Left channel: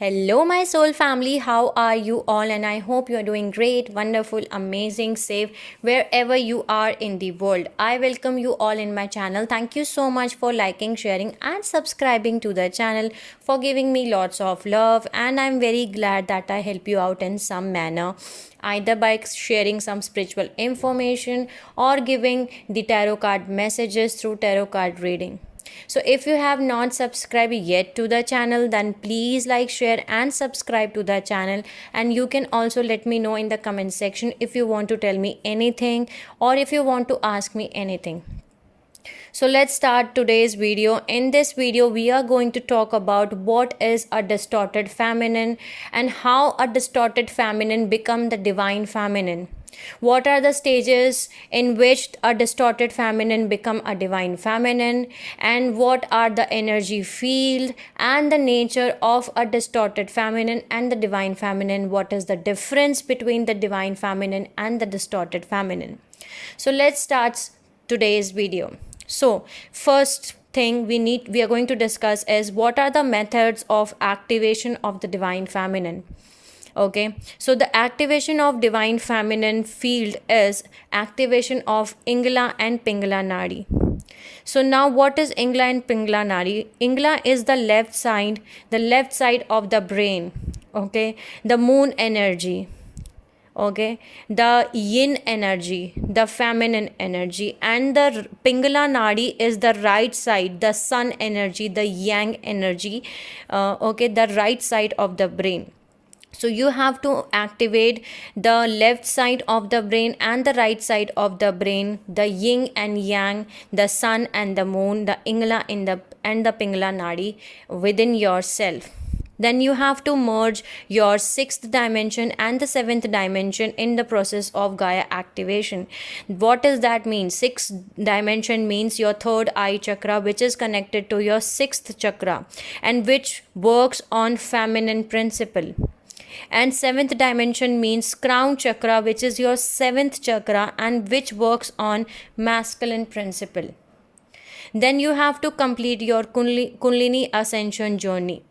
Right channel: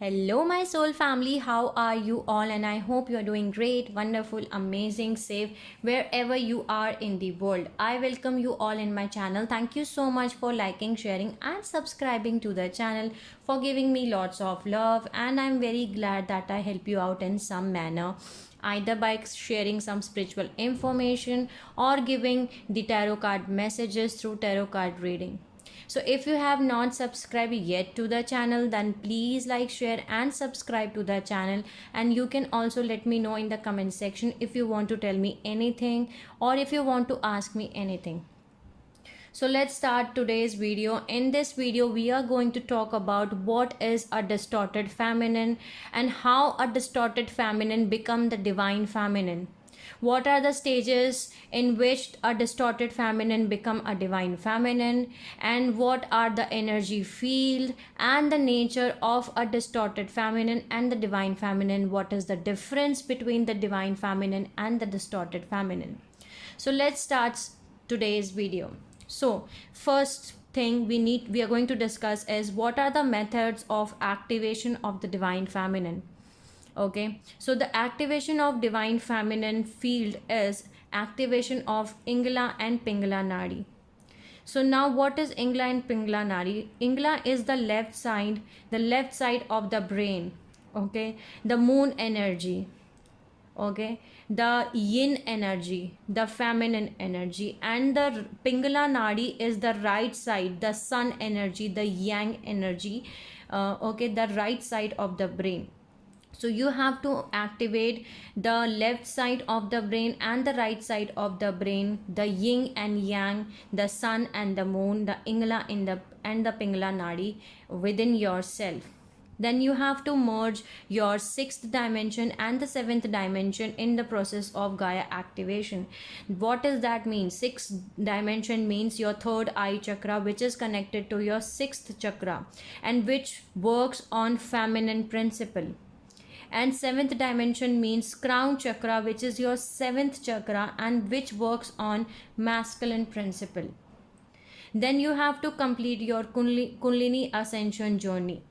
Hello, my soul family. How are you all? And I hope you are doing great, wonderful, amazing, safe wherever you are in the world. I welcome you all in my channel. Thank you so much for liking, sharing, and subscribing to the channel, for giving me lots of love. And I'm very glad that I help you out in some manner, either by sharing some spiritual information or giving the tarot card messages through tarot card reading. So if you have not subscribed yet to the channel, then please like, share and subscribe to the channel. And you can also let me know in the comment section if you want to tell me anything or if you want to ask me anything. So let's start today's video. In this video, we are going to talk about what is a distorted feminine and how a distorted feminine become the divine feminine. What are the stages in which a distorted feminine become a divine feminine, and what are the energy field and the nature of a distorted feminine and the divine feminine? What is the difference between the divine feminine and the distorted feminine? So let's start today's video. So first thing we are going to discuss is what are the methods of activation of the divine feminine. Okay, so the activation of divine feminine field is activation of Ingla and Pingala Nadi. So now what is Ingla and Pingala Nadi? Ingla is the left side of the brain. Okay, the moon energy. Okay, the yin energy, the feminine energy, and the Pingala Nadi is the right side, the sun energy, the yang energy. Okay, the right side of the brain. So you have to activate the left side of the brain and the right side of the brain, the yin and yang, the sun and the moon, the Ingla and the Pingala Nadi within yourself. Then you have to merge your 6th dimension and the 7th dimension in the process of Gaia activation. What does that mean? 6th dimension means your 3rd eye chakra, which is connected to your 6th chakra and which works on feminine principle. And 7th dimension means crown chakra, which is your 7th chakra and which works on masculine principle. Then you have to complete your Kundalini ascension journey.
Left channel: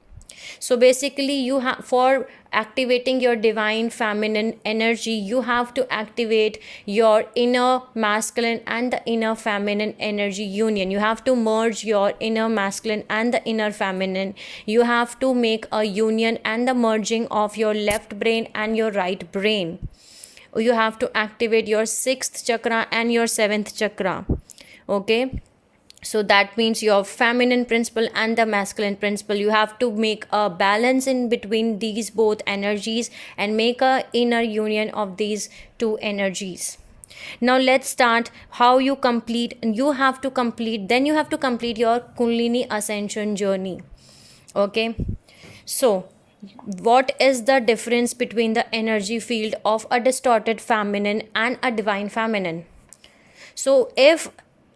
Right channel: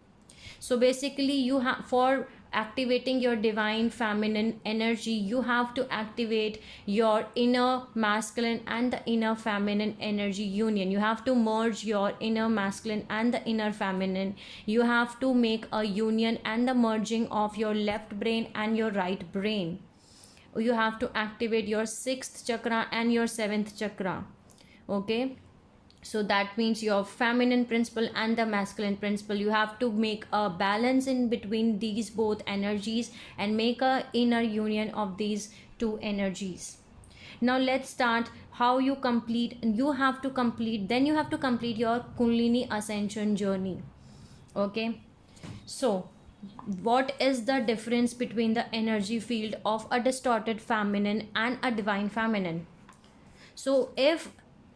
So basically you have, for activating your divine feminine energy, you have to activate your inner masculine and the inner feminine energy union. You have to merge your inner masculine and the inner feminine. You have to make a union and the merging of your left brain and your right brain. You have to activate your 6th chakra and your 7th chakra. Okay, so that means your feminine principle and the masculine principle. You have to make a balance in between these both energies and make a inner union of these two energies. Now let's start how you complete. You have to complete your Kundalini ascension journey. Okay, so what is the difference between the energy field of a distorted feminine and a divine feminine? So if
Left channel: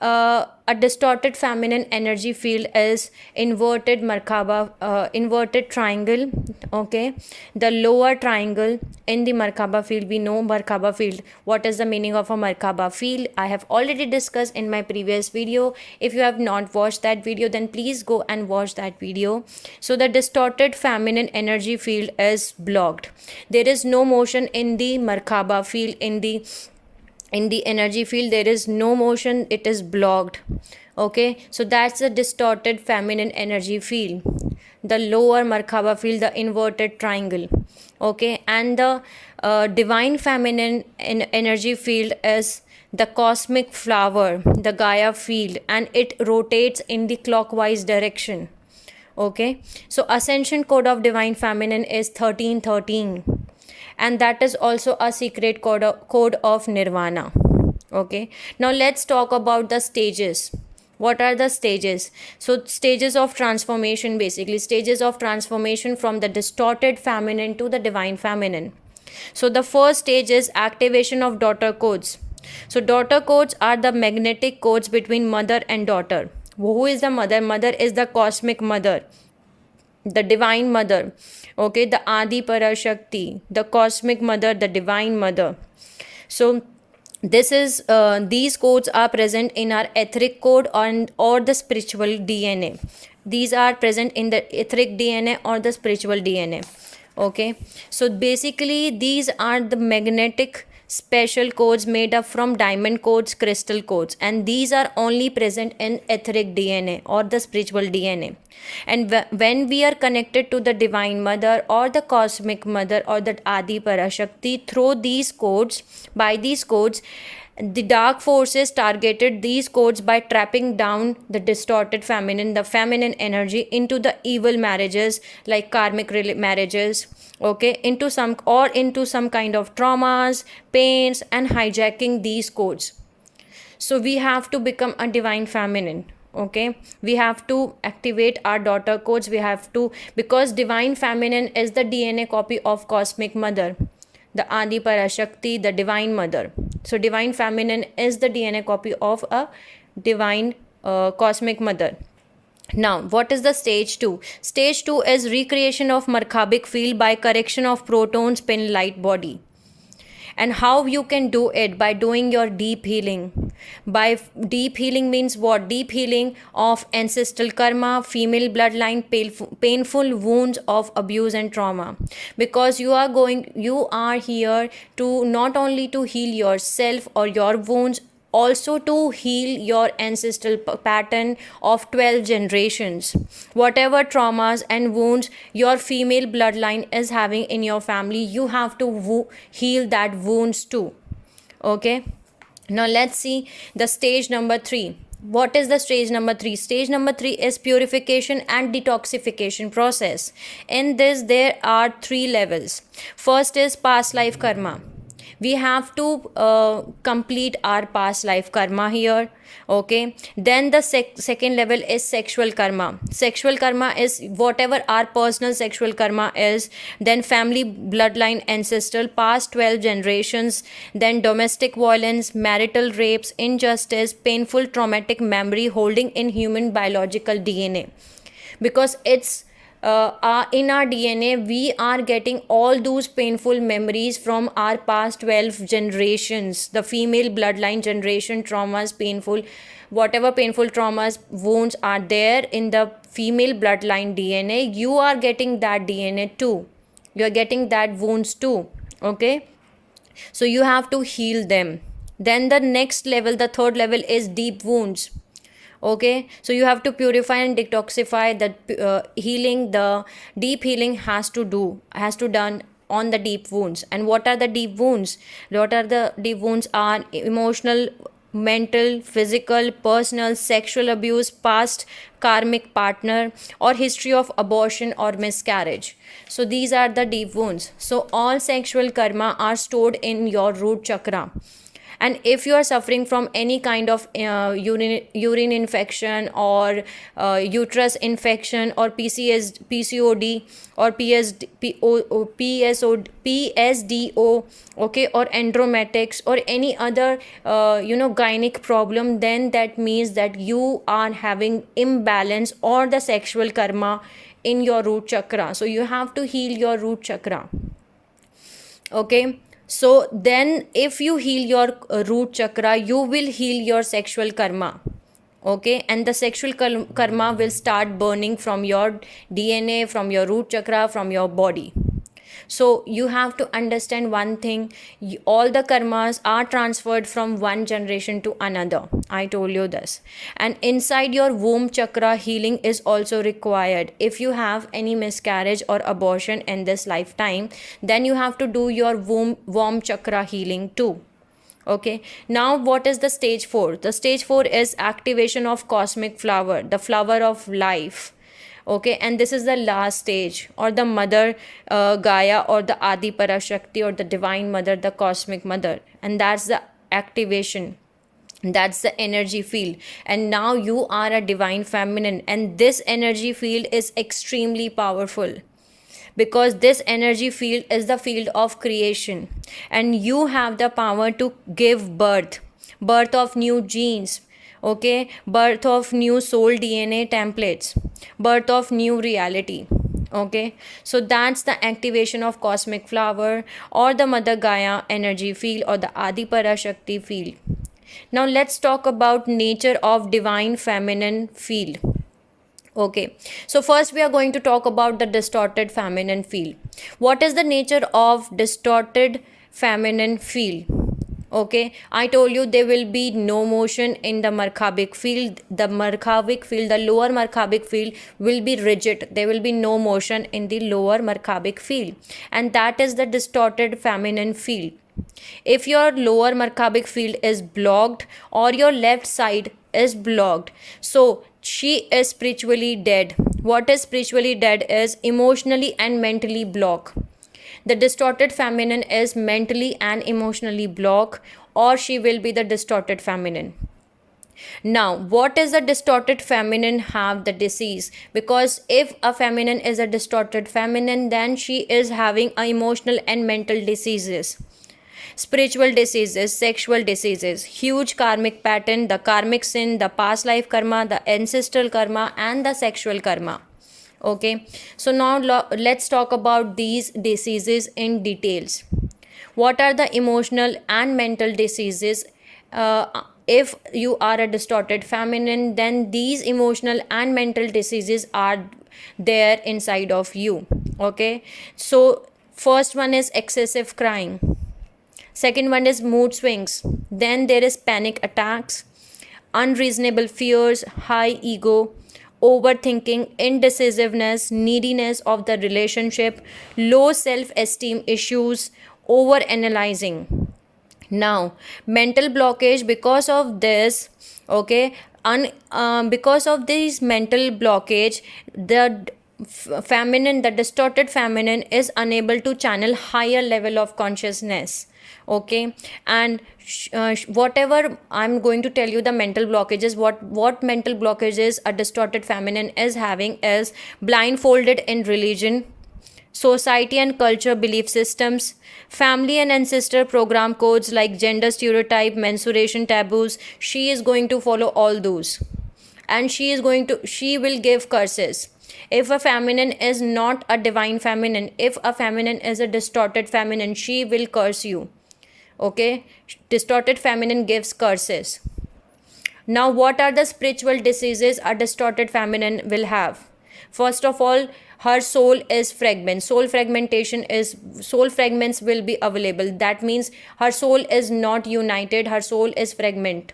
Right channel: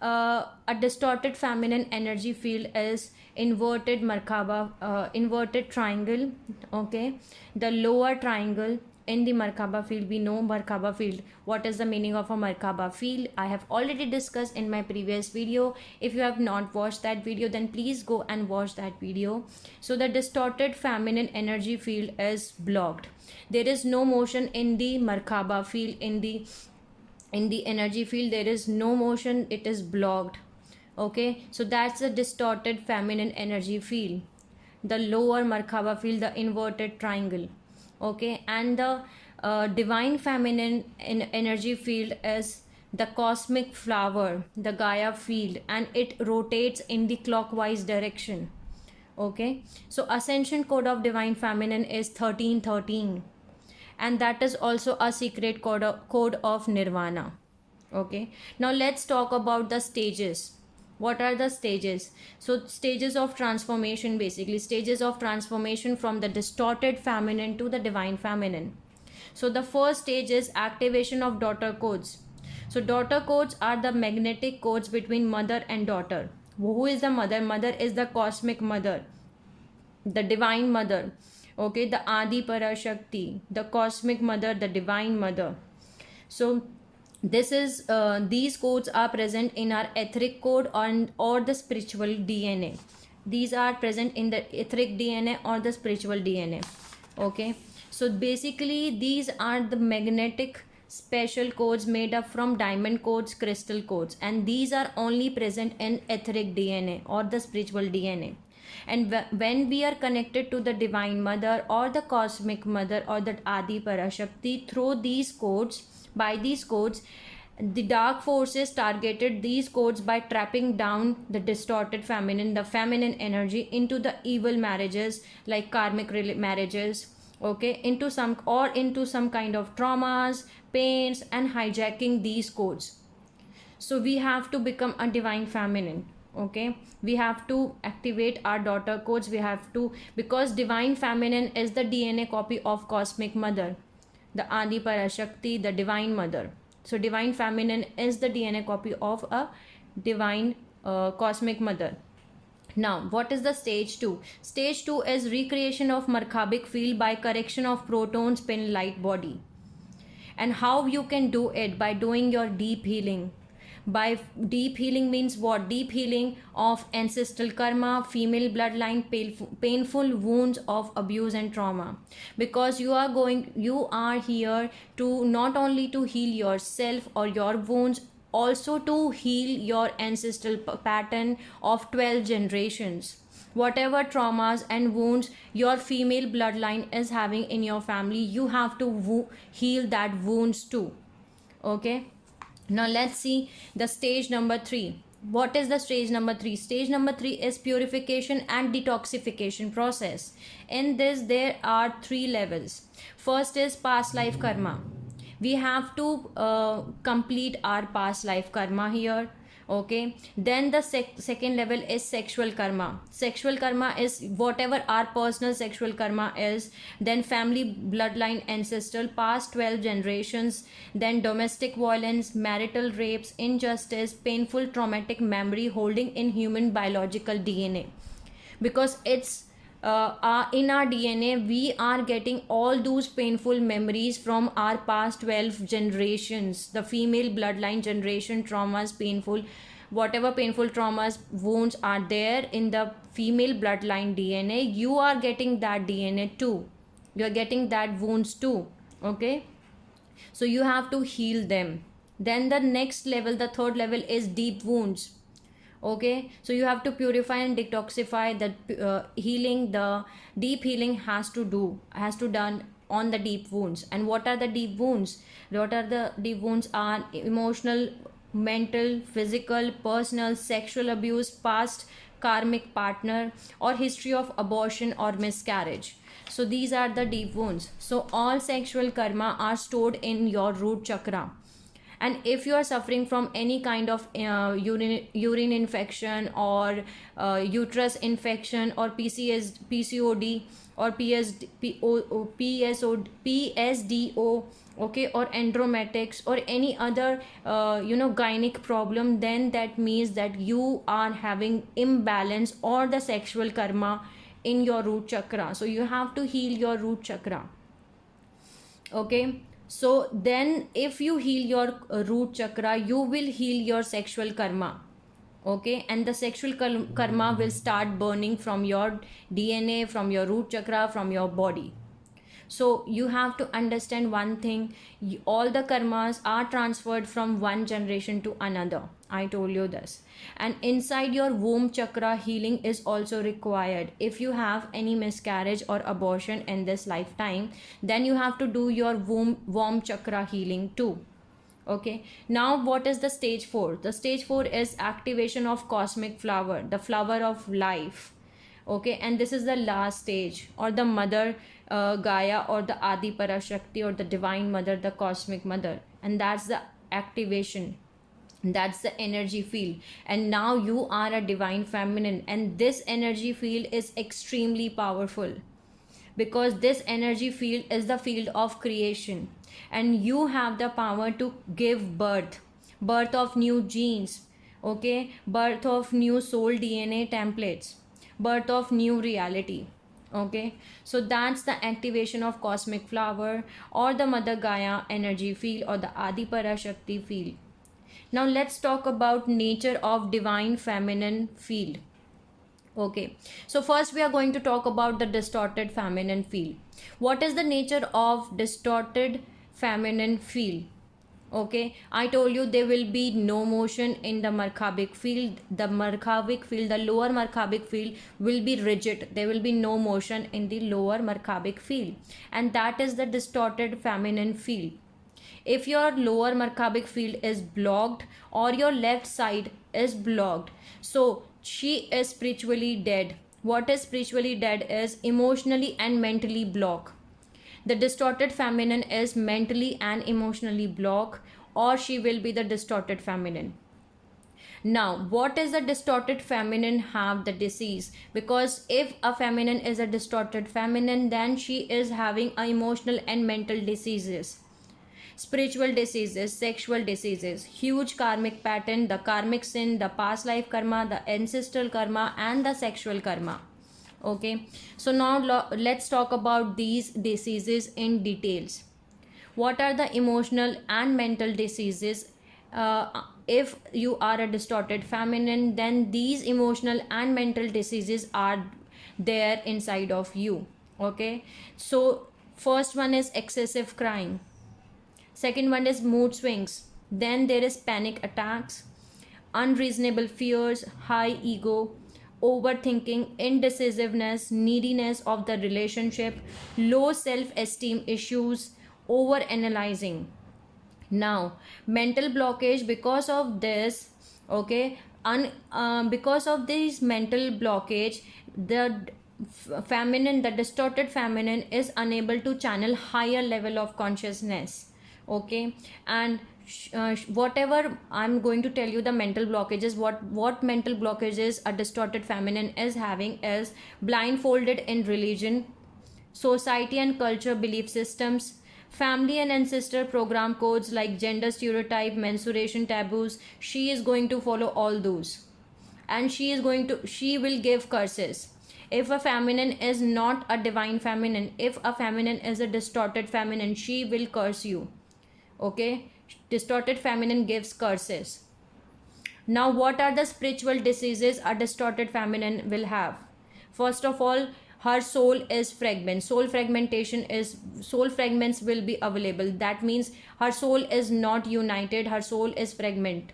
a distorted feminine energy field is inverted Merkaba, inverted triangle. Okay, the lower triangle in the Merkaba field. We know Merkaba field. What is the meaning of a Merkaba field? I have already discussed in my previous video. If you have not watched that video, then please go and watch that video. So the distorted feminine energy field is blocked. There is no motion in the Merkaba field. In the energy field there is no motion, it is blocked. Okay, so that's a distorted feminine energy field, the lower Merkaba field, the inverted triangle. Okay, and the divine feminine energy field is the cosmic flower, the Gaia field, and it rotates in the clockwise direction. Okay, so ascension code of divine feminine is 1313, and that is also a secret code of nirvana. Okay, now let's talk about the stages. What are the stages? So stages of transformation, basically stages of transformation from the distorted feminine to the divine feminine. So the first stage is activation of daughter codes. So daughter codes are the magnetic codes between mother and daughter. Who is the mother? Mother is the cosmic mother, the divine mother. Okay, the Adi Parashakti, the cosmic mother, the divine mother. So this is these codes are present in our etheric code or the spiritual DNA. these are present in the etheric DNA or the spiritual DNA. Okay, so basically these are the magnetic special codes made up from diamond codes, crystal codes, and these are only present in etheric DNA or the spiritual DNA. And when we are connected to the divine mother or the cosmic mother or the Adi Parashakti through these codes, by these codes, the dark forces targeted these codes by trapping down the distorted feminine, the feminine energy, into the evil marriages like karmic marriages, okay, into some kind of traumas, pains, and hijacking these codes. So we have to become a divine feminine. Okay, we have to activate our daughter codes. We have to, because divine feminine is the DNA copy of cosmic mother, the Adi Parashakti, the divine mother. So divine feminine is the DNA copy of a divine cosmic mother. Now, what is the stage 2? Stage 2 is recreation of Markhabic field by correction of proton spin light body. And how you can do it? By doing your deep healing. By deep healing means what? Deep healing of ancestral karma, female bloodline, painful wounds of abuse and trauma. Because you are here to not only to heal yourself or your wounds, also to heal your ancestral pattern of 12 generations. Whatever traumas and wounds your female bloodline is having in your family, you have to heal that wounds too. Okay, now let's see the stage number 3. What is the stage number 3? Stage number 3 is purification and detoxification process. In this there are 3 levels. First is past life karma. We have to complete our past life karma here. Okay, then the second level is sexual karma. Sexual karma is whatever our personal sexual karma is, then family bloodline, ancestral, past 12 generations, then domestic violence, marital rapes, injustice, painful traumatic memory holding in human biological DNA. Because it's in our DNA, we are getting all those painful memories from our past 12 generations, the female bloodline generation traumas, whatever painful traumas, wounds are there in the female bloodline DNA, you are getting that DNA too. You are getting that wounds too. Okay, so you have to heal them. Then the next level, the third level, is deep wounds. Okay, so you have to purify and detoxify. The healing, the deep healing has to done on the deep wounds. And what are the deep wounds? Are emotional, mental, physical, personal, sexual abuse, past karmic partner, or history of abortion or miscarriage. So these are the deep wounds. So all sexual karma are stored in your root chakra. And if you are suffering from any kind of urine infection or uterus infection or PCOD or PSDO, okay, or endomyotics or any other gynec problem, then that means that you are having imbalance or the sexual karma in your root chakra. So you have to heal your root chakra. Okay, so then if you heal your root chakra, you will heal your sexual karma. Okay, and the sexual karma will start burning from your DNA, from your root chakra, from your body. So you have to understand one thing, all the karmas are transferred from one generation to another. I told you this. And inside your womb chakra, healing is also required. If you have any miscarriage or abortion in this lifetime, then you have to do your womb chakra healing too. Okay, now what is the stage 4? The stage 4 is activation of cosmic flower, the flower of life. Okay, and this is the last stage, or the mother Gaia, or the Adi Parashakti, or the divine mother, the cosmic mother. And that's the activation, that's the energy field. And now you are a divine feminine, and this energy field is extremely powerful, because this energy field is the field of creation, and you have the power to give birth of new genes. Okay, birth of new soul DNA templates, birth of new reality. Okay, so that's the activation of cosmic flower, or the mother Gaia energy field, or the Adi Parashakti field. Now let's talk about nature of divine feminine field. Okay, so first we are going to talk about the distorted feminine field. What is the nature of distorted feminine field? Okay, I told you there will be no motion in the Markhavic field. The Markhavic field, the lower Markhavic field will be rigid. There will be no motion in the lower Markhavic field, and that is the distorted feminine field. If your lower Markhavic field is blocked or your left side is blocked, so she is spiritually dead. What is spiritually dead is emotionally and mentally blocked. The distorted feminine is mentally and emotionally blocked, or she will be the distorted feminine. Now, what is the distorted feminine have the disease? Because if a feminine is a distorted feminine, then she is having a emotional and mental diseases, spiritual diseases, sexual diseases, huge karmic pattern, the karmic sin, the past life karma, the ancestral karma, and the sexual karma. Okay, so now let's talk about these diseases in details. What are the emotional and mental diseases? If you are a distorted feminine, then these emotional and mental diseases are there inside of you. Okay, so first one is excessive crying. Second one is mood swings. Then there is panic attacks, unreasonable fears, high ego, overthinking, indecisiveness, neediness of the relationship, low self-esteem issues, over-analyzing. Now, mental blockage because of this, okay, because of this mental blockage, the feminine, the distorted feminine is unable to channel higher level of consciousness. Okay, and whatever I'm going to tell you, the mental blockages, what mental blockages a distorted feminine is having is blindfolded in religion, society and culture belief systems, family and ancestor program codes like gender stereotype, menstruation taboos. She is going to follow all those, and she will give curses. If a feminine is not a divine feminine, if a feminine is a distorted feminine, she will curse you. Okay, distorted feminine gives curses. Now, what are the spiritual diseases a distorted feminine will have? First of all, her soul is fragment. Soul fragments will be available. That means her soul is not united. Her soul is fragment.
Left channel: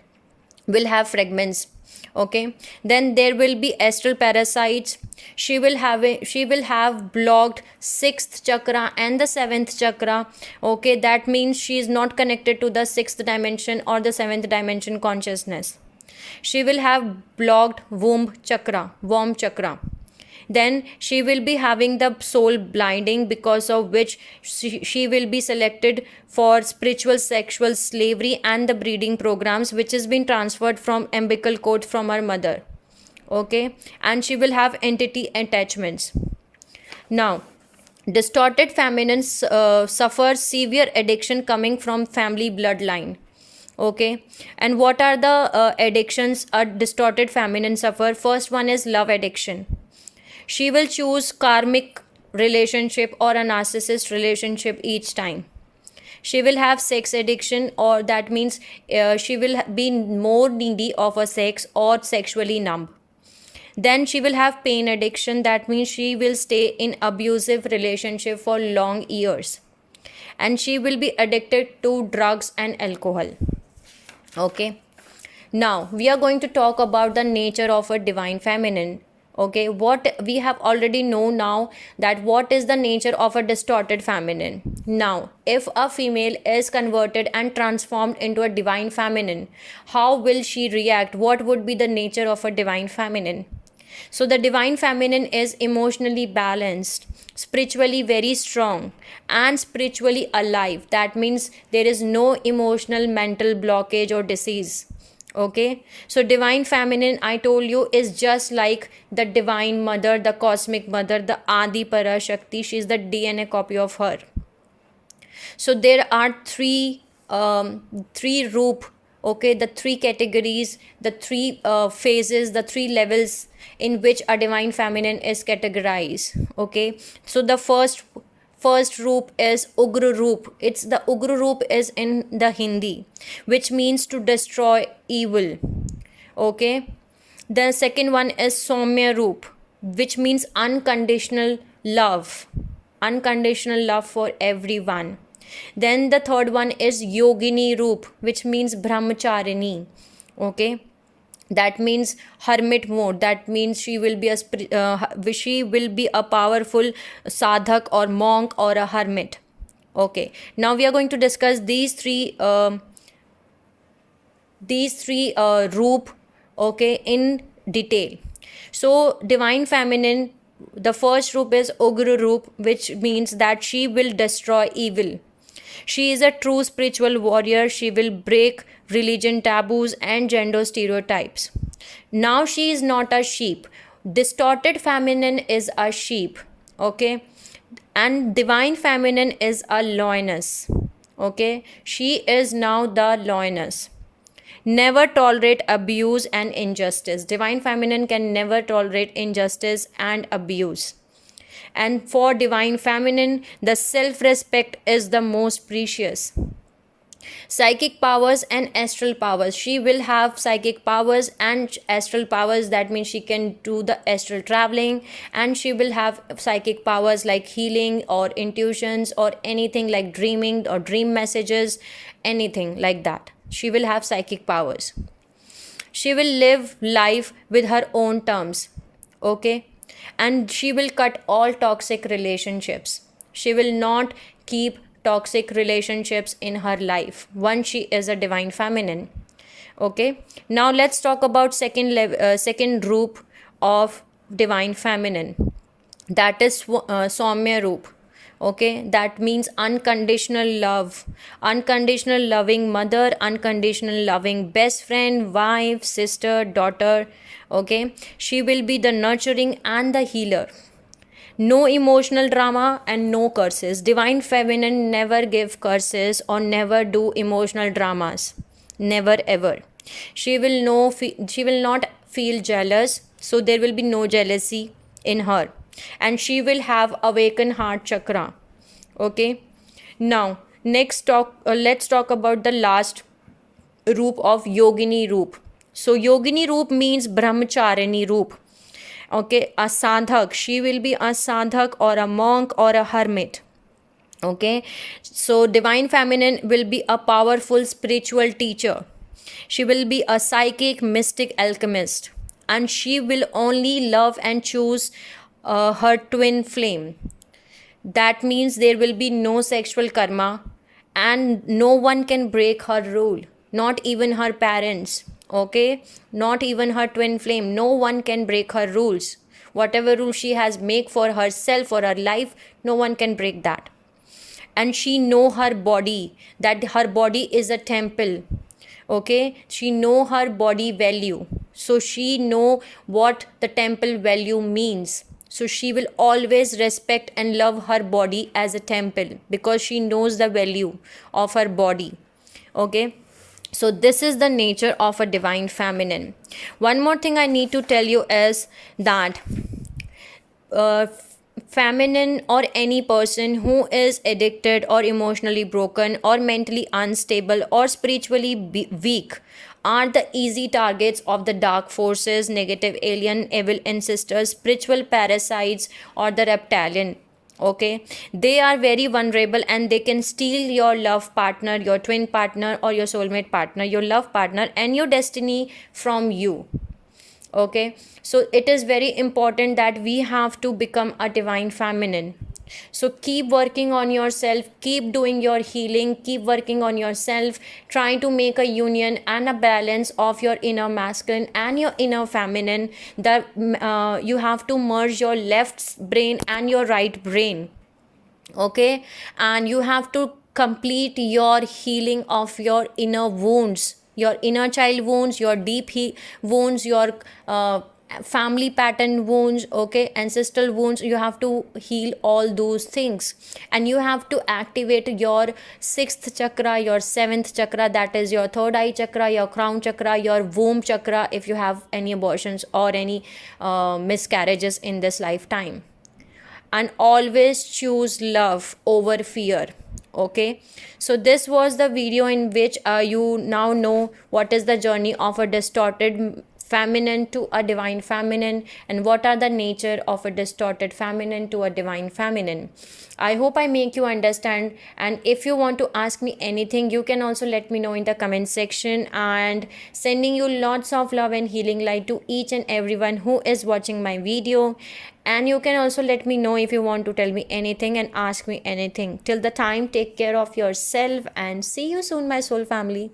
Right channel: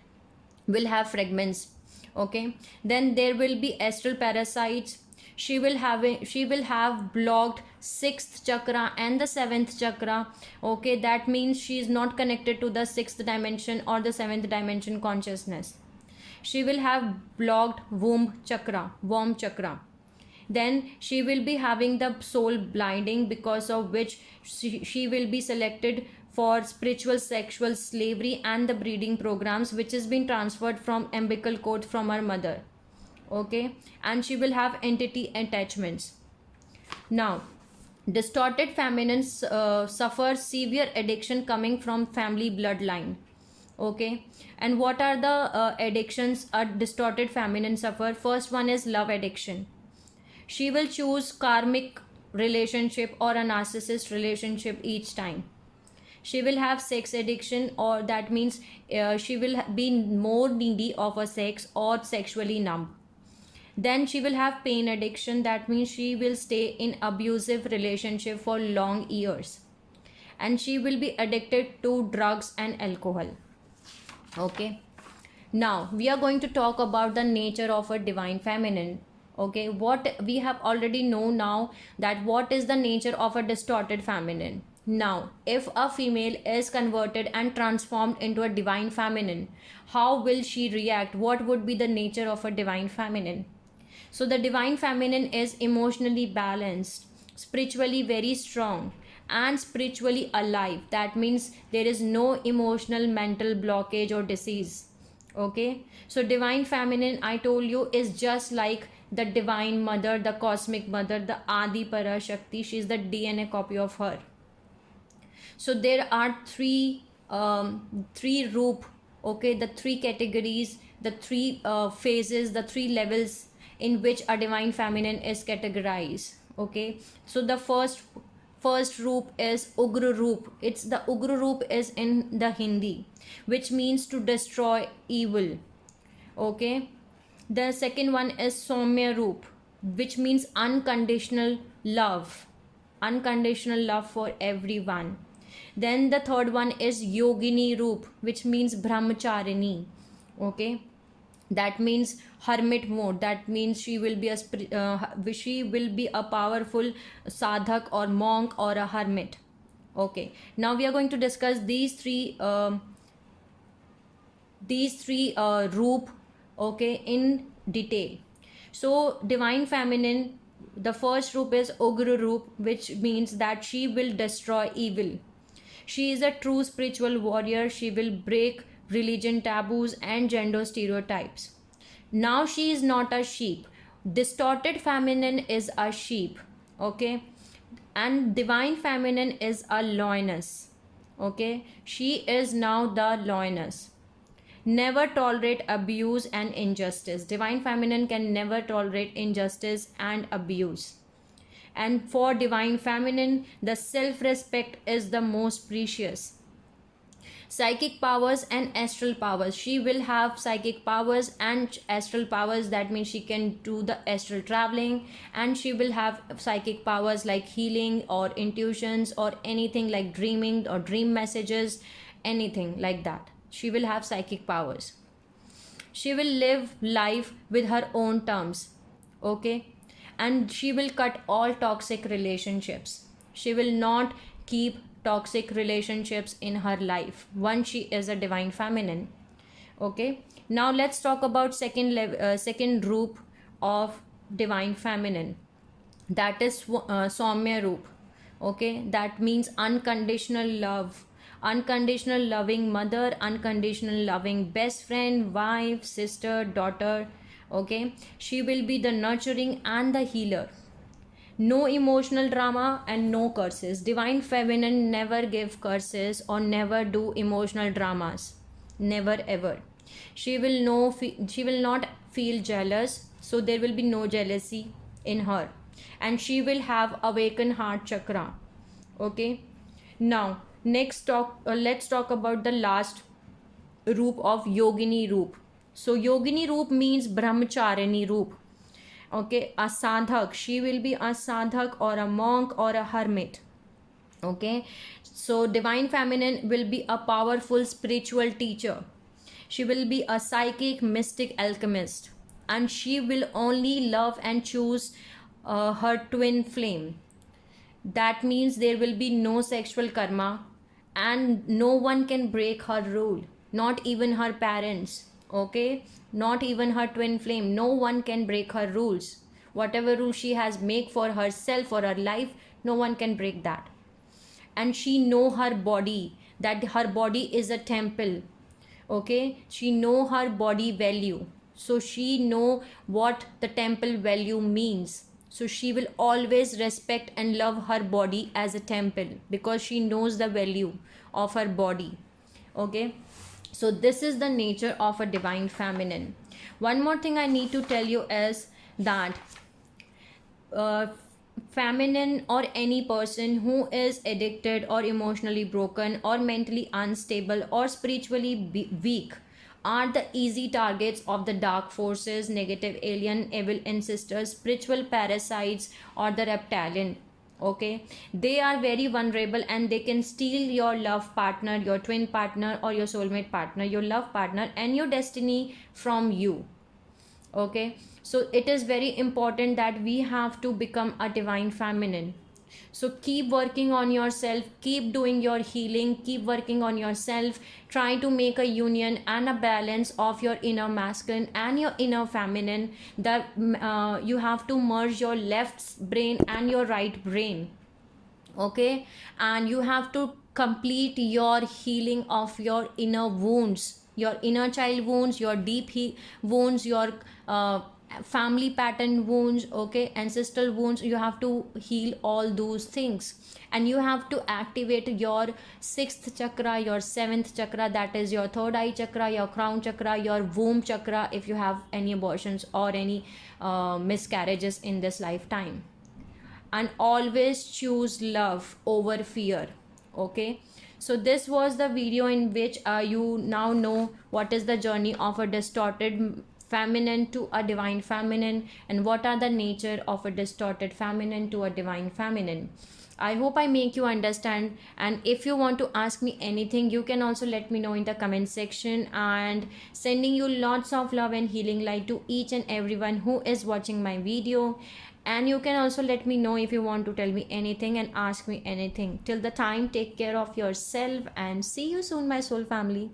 Will have fragments. Okay. Then there will be astral parasites. She will have blocked 6th chakra and the 7th chakra. Okay, that means she is not connected to the 6th dimension or the 7th dimension consciousness. She will have blocked womb chakra. Then she will be having the soul blinding, because of which she will be selected for spiritual sexual slavery and the breeding programs which has been transferred from umbilical cord from her mother. Okay, and she will have entity attachments. Now, distorted feminine suffers severe addiction coming from family bloodline. Okay, and what are the addictions a distorted feminine suffer? First one is love addiction. She will choose karmic relationship or a narcissist relationship each time. She will have sex addiction, or that means she will be more needy of a sex or sexually numb. Then she will have pain addiction. That means she will stay in abusive relationship for long years. And she will be addicted to drugs and alcohol. Okay. Now, we are going to talk about the nature of a divine feminine. Okay, what we have already know now, that what is the nature of a distorted feminine. Now, if a female is converted and transformed into a divine feminine, how will she react? What would be the nature of a divine feminine? So the divine feminine is emotionally balanced, spiritually very strong, and spiritually alive. That means there is no emotional mental blockage or disease. Okay, so divine feminine, I told you, is just like the divine mother, the cosmic mother, the Adi Parashakti. She is the DNA copy of her. So there are three roop, okay, the three categories, the three phases, the three levels in which a divine feminine is categorized. Okay, so the first roop is Ugra roop. It's the Ugra roop is in the Hindi, which means to destroy evil. Okay, The second one is Soumya Roop, which means unconditional love. Unconditional love for everyone. Then the third one is Yogini Roop, which means Bramcharini. Okay, that means hermit mode. That means she will be a powerful sadhak or monk or a hermit. Okay, now we are going to discuss these three roop, okay, in detail. So divine feminine, the first roop is Ugra Roop, which means that she will destroy evil. She is a true spiritual warrior. She will break religion taboos and gender stereotypes. Now she is not a sheep. Distorted feminine is a sheep, okay, and divine feminine is a lioness. Okay, she is now the lioness. Never tolerate abuse and injustice. Divine feminine can never tolerate injustice and abuse. And for divine feminine, the self-respect is the most precious. Psychic powers and astral powers. She will have psychic powers and astral powers. That means she can do the astral traveling, and she will have psychic powers like healing or intuitions or anything like dreaming or dream messages, anything like that. She will have psychic powers. She will live life with her own terms, okay, and she will cut all toxic relationships. She will not keep toxic relationships in her life once she is a divine feminine. Okay, now let's talk about second roop of divine feminine, that is Soumya Roop. Okay, that means unconditional love, unconditional loving mother, unconditional loving best friend, wife, sister, daughter. Okay, she will be the nurturing and the healer. No emotional drama and no curses. Divine feminine never give curses or never do emotional dramas, never ever. She will not feel jealous, so there will be no jealousy in her, and she will have awakened heart chakra. Okay, now let's talk about the last roop of Yogini Roop. So Yogini Roop means Brahmacharini Roop. Okay, a sadhak. She will be a sadhak or a monk or a hermit. Okay, so divine feminine will be a powerful spiritual teacher. She will be a psychic mystic alchemist, and she will only love and choose her twin flame. That means there will be no sexual karma, and no one can break her rule, not even her parents. Okay, not even her twin flame. No one can break her rules. Whatever rule she has made for herself or her life, no one can break that. And she know her body, that her body is a temple. Okay, she know her body value, so she know what the temple value means. So she will always respect and love her body as a temple, because she knows the value of her body. Okay, so this is the nature of a divine feminine. One more thing I need to tell you is that feminine or any person who is addicted or emotionally broken or mentally unstable or spiritually weak are the easy targets of the dark forces, negative alien, evil ancestors, spiritual parasites, or the reptilian. Okay, they are very vulnerable, and they can steal your love partner, your twin partner, or your soulmate partner, your love partner, and your destiny from you. Okay, so it is very important that we have to become a divine feminine. So keep working on yourself, keep doing your healing, keep working on yourself, trying to make a union and a balance of your inner masculine and your inner feminine. That you have to merge your left brain and your right brain. Okay, and you have to complete your healing of your inner wounds, your inner child wounds, your deep wounds, your family pattern wounds, okay, ancestral wounds. You have to heal all those things, and you have to activate your sixth chakra, your seventh chakra, that is your third eye chakra, your crown chakra, your womb chakra, if you have any abortions or any miscarriages in this lifetime. And always choose love over fear. Okay, so this was the video in which you now know what is the journey of a distorted feminine to a divine feminine, and what are the nature of a distorted feminine to a divine feminine. I hope I make you understand, and if you want to ask me anything, you can also let me know in the comment section. And sending you lots of love and healing light to each and everyone who is watching my video. And you can also let me know if you want to tell me anything and ask me anything. Till the time, take care of yourself and see you soon, my soul family.